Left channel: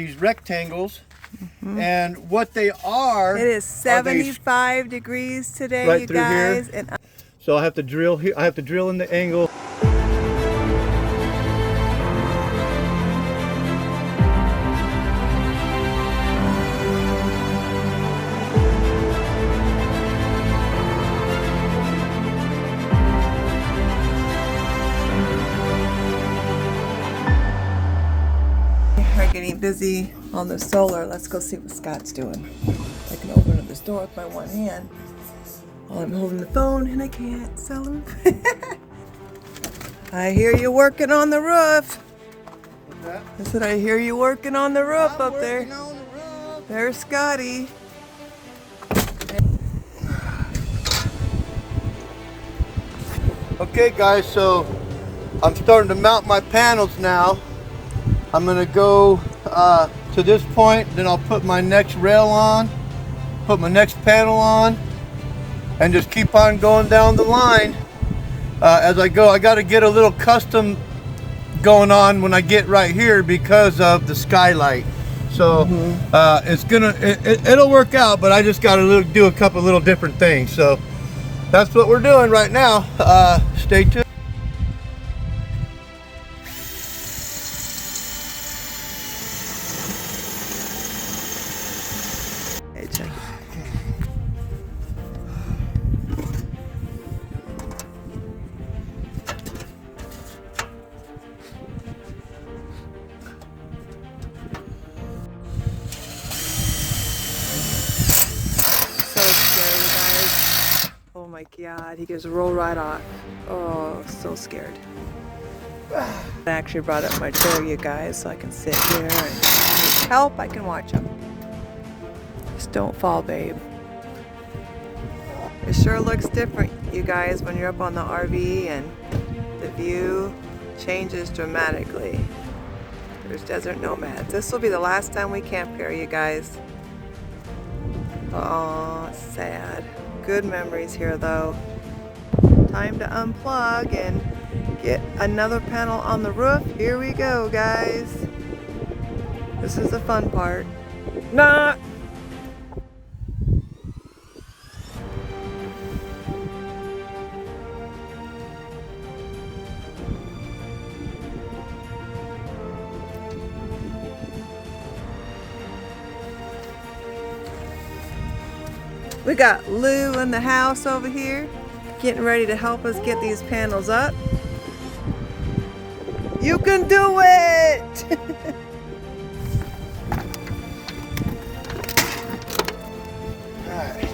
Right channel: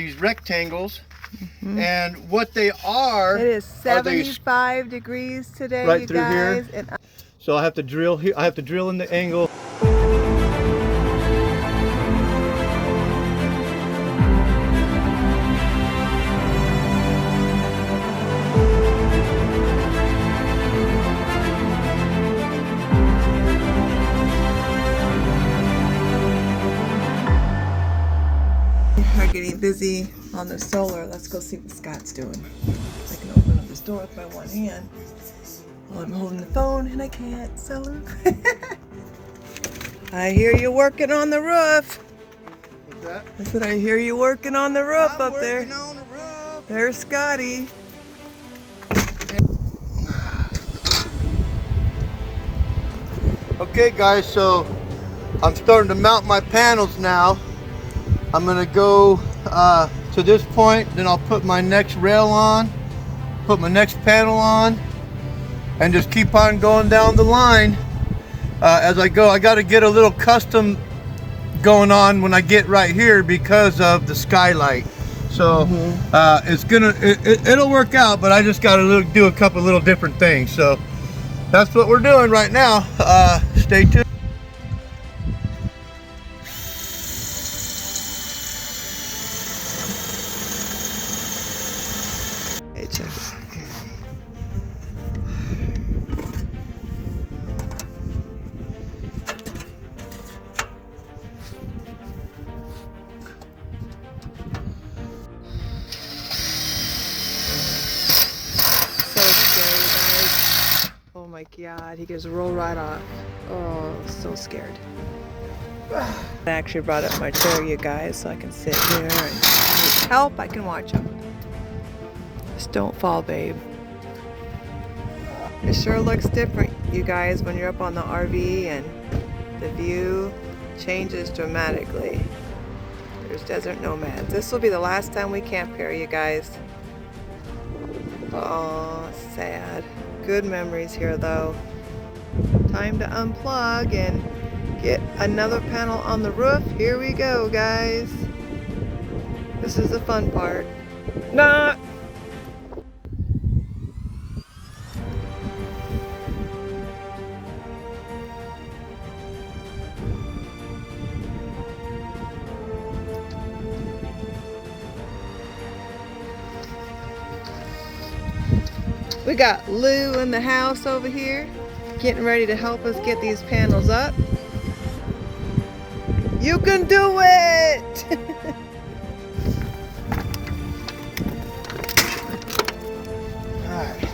these rectangles, and what they are. It is 75 degrees today, right you through guys. here. And So I have to drill here. I have to drill in the angle. we're getting busy on the solar. Let's go see what Scott's doing. I can open up this door with my one hand while I'm holding the phone, and I can't. So I hear you working on the roof. What's that? I said I hear you working on the roof I'm up there. working on the roof. There's Scotty. Okay guys, so I'm starting to mount my panels now. I'm gonna go to this point, then I'll put my next rail on, put my next panel on, and just keep on going down the line as I go. I gotta get a little custom going on when I get right here because of the skylight. So it'll work out, but I just gotta do a couple little different things. So that's what we're doing right now. Stay tuned. Hey, check it. So scary, you guys. Oh my God, he just rolled right off. Oh, so scared. I actually brought up my chair, you guys, so I can sit here and if he needs help, I can watch him. Just don't fall, babe. It sure looks different, you guys, when you're up on the RV and the view changes dramatically. There's desert nomads. This will be the last time we camp here, you guys. Oh, sad. Good memories here, though. Time to unplug and get another panel on the roof. Here we go, guys. This is the fun part. Nah! We got Lou in the house over here, getting ready to help us get these panels up. You can do it! Alright.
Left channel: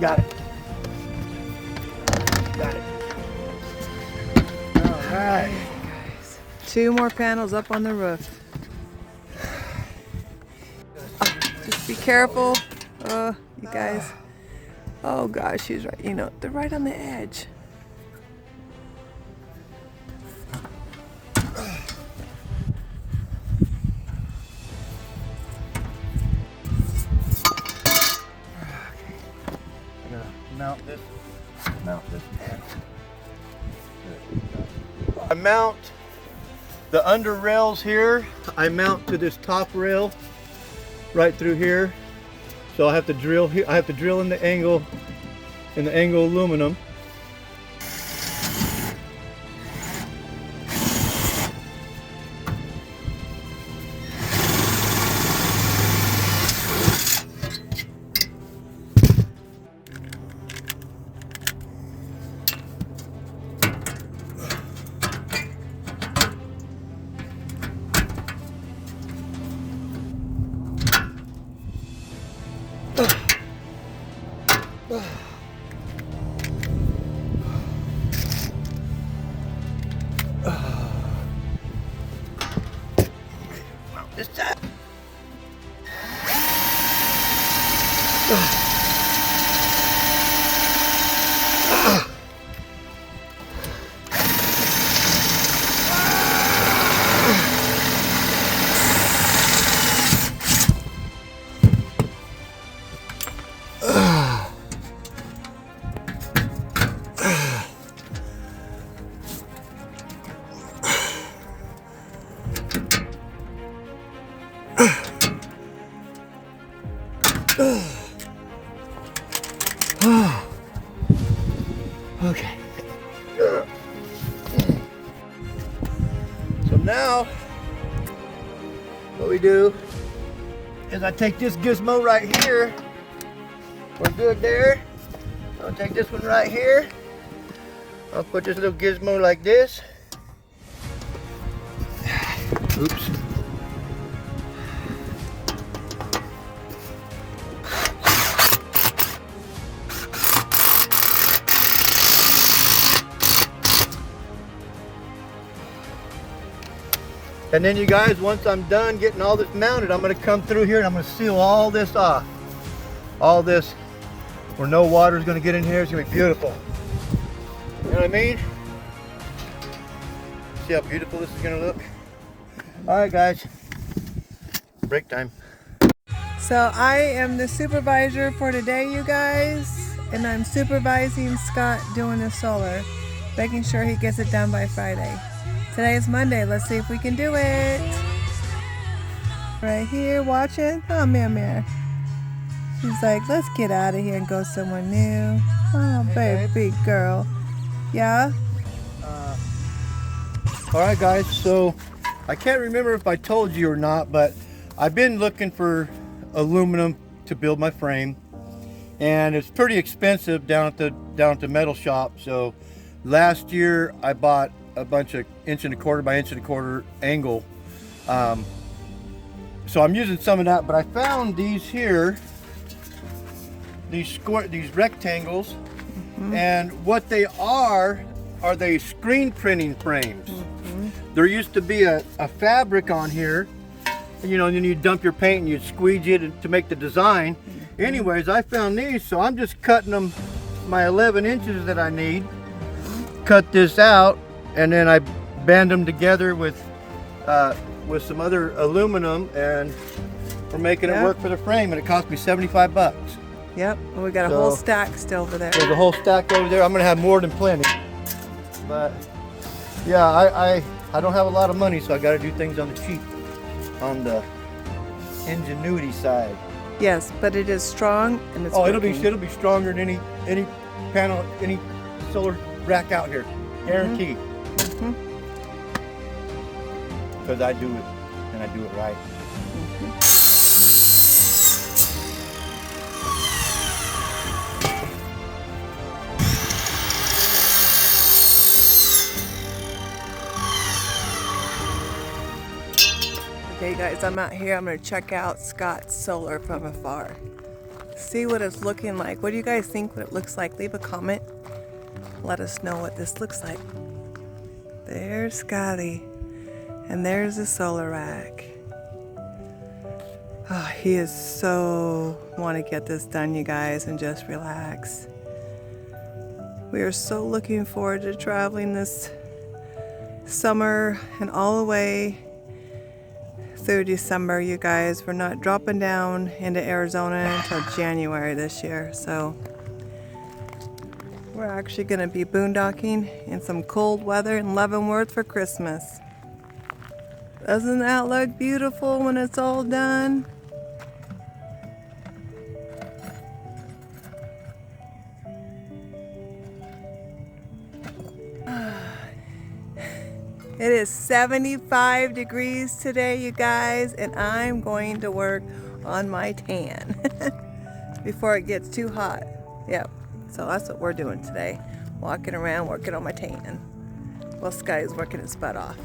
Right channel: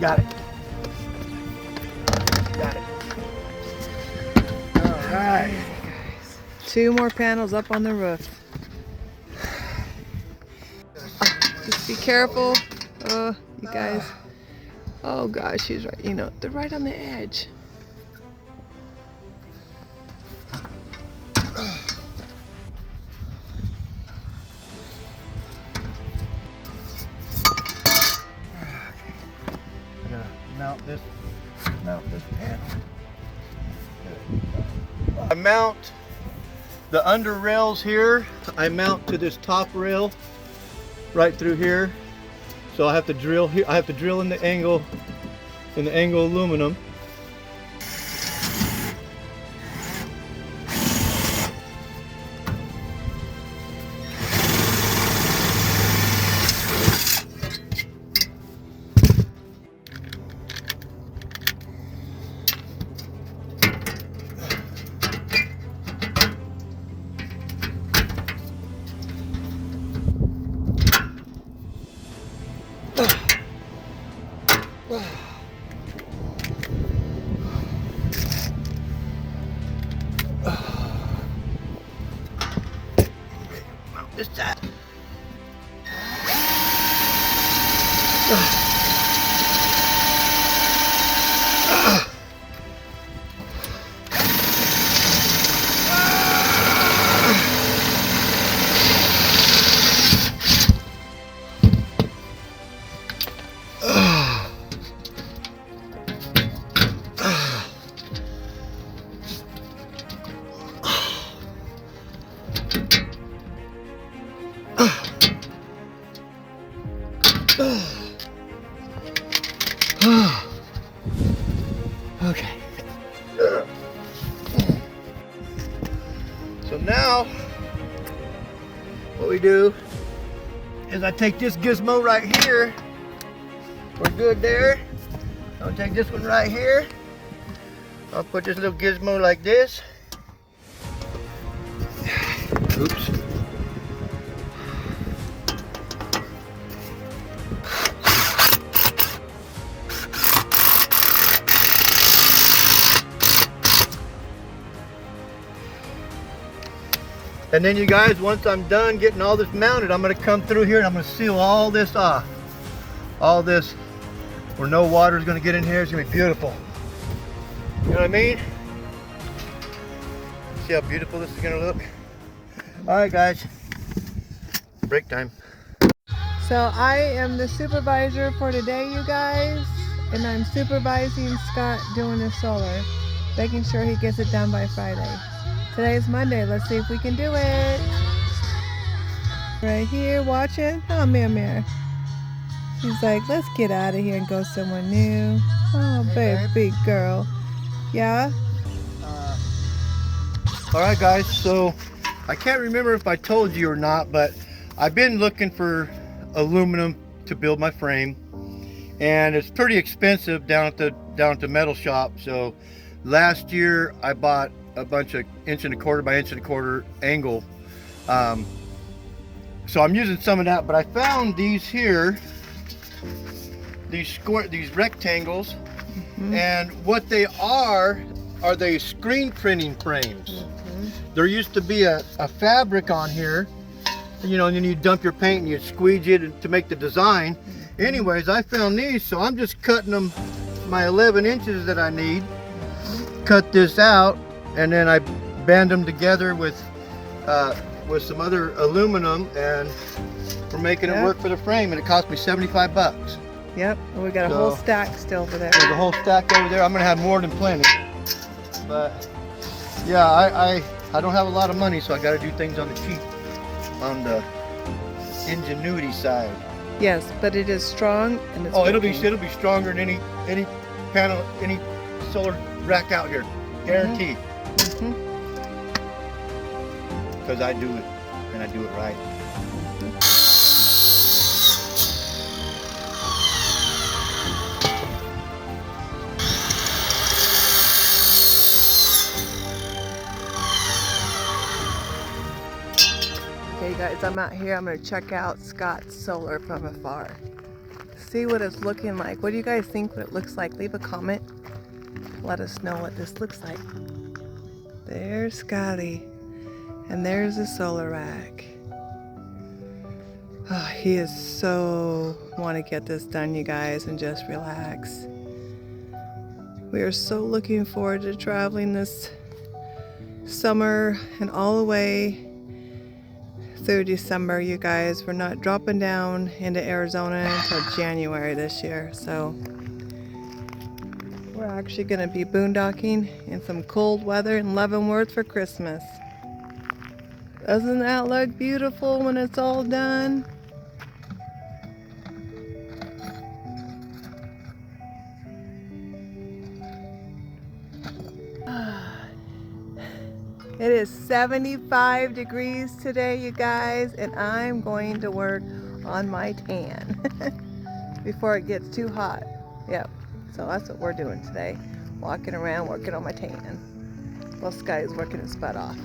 Got it. Got it. Alright. Guys, 2 more panels up on the roof. Just be careful, you guys. Oh gosh, she's right. You know, they're right on the edge. I gotta mount this panel. I mount the under rails here. I mount to this top rail right through here. So I have to drill here. I have to drill in the angle aluminum. Just that. now, what we do is I take this gizmo right here. We're good there. I'll take this one right here. I'll put this little gizmo like this. Oops. And then you guys, once I'm done getting all this mounted, I'm gonna come through here and I'm gonna seal all this off. All this, where no water is gonna get in here. It's gonna be beautiful. You know what I mean? See how beautiful this is gonna look? All right, guys, break time. So I am the supervisor for today, you guys, and I'm supervising Scott doing his solar, making sure he gets it done by Friday. Today is Monday. Let's see if we can do it. Right here, watching. Oh, man. She's like, let's get out of here and go somewhere new. Oh, baby girl. Yeah? All right, guys, so I can't remember if I told you or not, but I've been looking for aluminum to build my frame, and it's pretty expensive down at the metal shop. So last year I bought a bunch of 1.25 inch by 1.25 inch angle. So I'm using some of that, but I found these here, these rectangles, and what they are they screen printing frames. There used to be a fabric on here, you know, and then you dump your paint and you squeeze it to make the design. Anyways, I found these, so I'm just cutting them, my 11 inches that I need, cut this out, and then I band them together with some other aluminum, and we're making it work for the frame, and it cost me 75 bucks. Yep, and we got a whole stack still over there. There's a whole stack over there. I'm gonna have more than plenty. But yeah, I don't have a lot of money, so I gotta do things on the cheap, on the ingenuity side. Yes, but it is strong and it's it'll be stronger than any panel, any solar rack out here, guaranteed. Because I do it, and I do it right. Okay, guys, I'm out here. I'm going to check out Scott's solar from afar. See what it's looking like. What do you guys think what it looks like? Leave a comment. Let us know what this looks like. There's Scotty. And there's the solar rack. Oh, he is so want to get this done, you guys, and just relax. We are so looking forward to traveling this summer and all the way through December, you guys. We're not dropping down into Arizona until January this year, so we're actually going to be boondocking in some cold weather in Leavenworth for Christmas. Doesn't that look beautiful when it's all done? It is 75 degrees today, you guys, and I'm going to work on my tan before it gets too hot. Yep, so that's what we're doing today. Walking around, working on my tan. Well, Sky's working his butt off.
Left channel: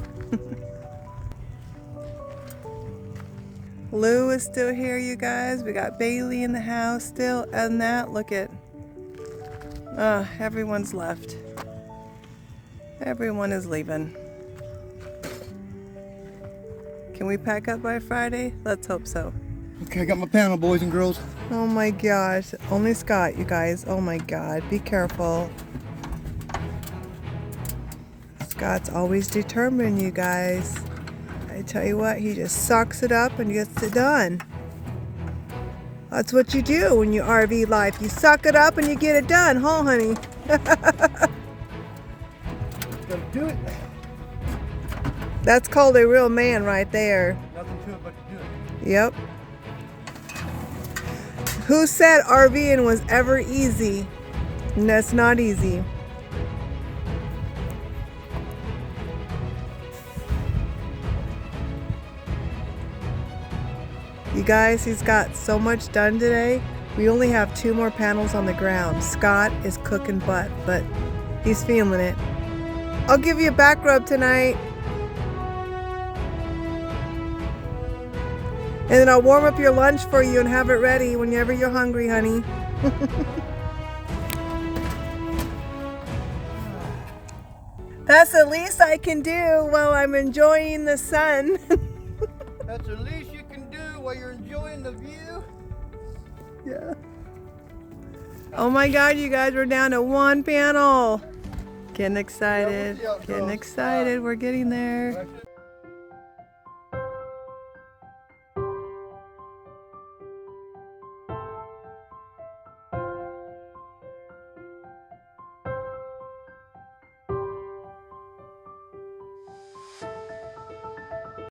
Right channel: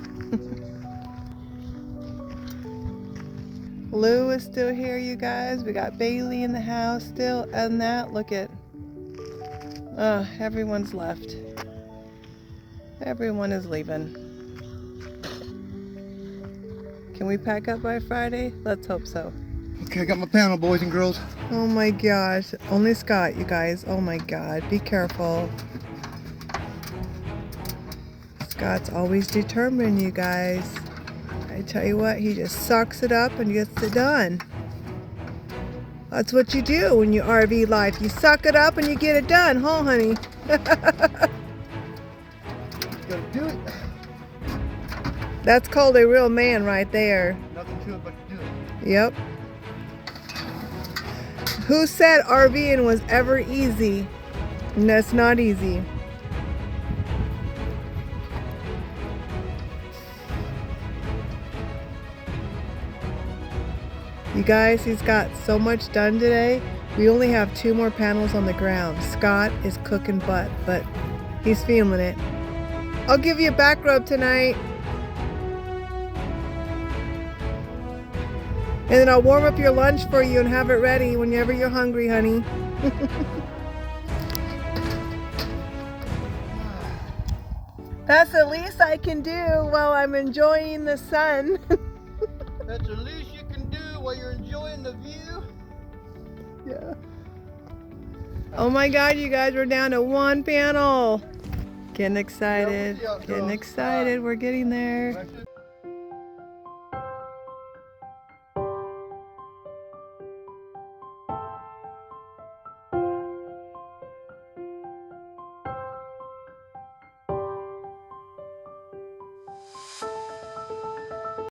Lou is still here, you guys. We got Bailey in the house still. And that, look at, everyone's left. Everyone is leaving. Can we pack up by Friday? Let's hope so. Okay, I got my panel, boys and girls. Oh my gosh. Only Scott, you guys. Oh my God. Be careful. Scott's always determined, you guys. I tell you what, he just sucks it up and gets it done. That's what you do when you RV life. You suck it up and you get it done, huh, honey? Gotta do it. That's called a real man right there. Nothing to it but to do it. Yep. Who said RVing was ever easy? And that's not easy. You guys, he's got so much done today. We only have 2 more panels on the ground. Scott is cooking butt, but he's feeling it. I'll give you a back rub tonight. And then I'll warm up your lunch for you and have it ready whenever you're hungry, honey. That's the least I can do while I'm enjoying the sun. That's the least you can do while you're enjoying the view. Yeah. Oh my God, you guys, we're down to 1 panel. Getting excited. Getting excited. We're getting there.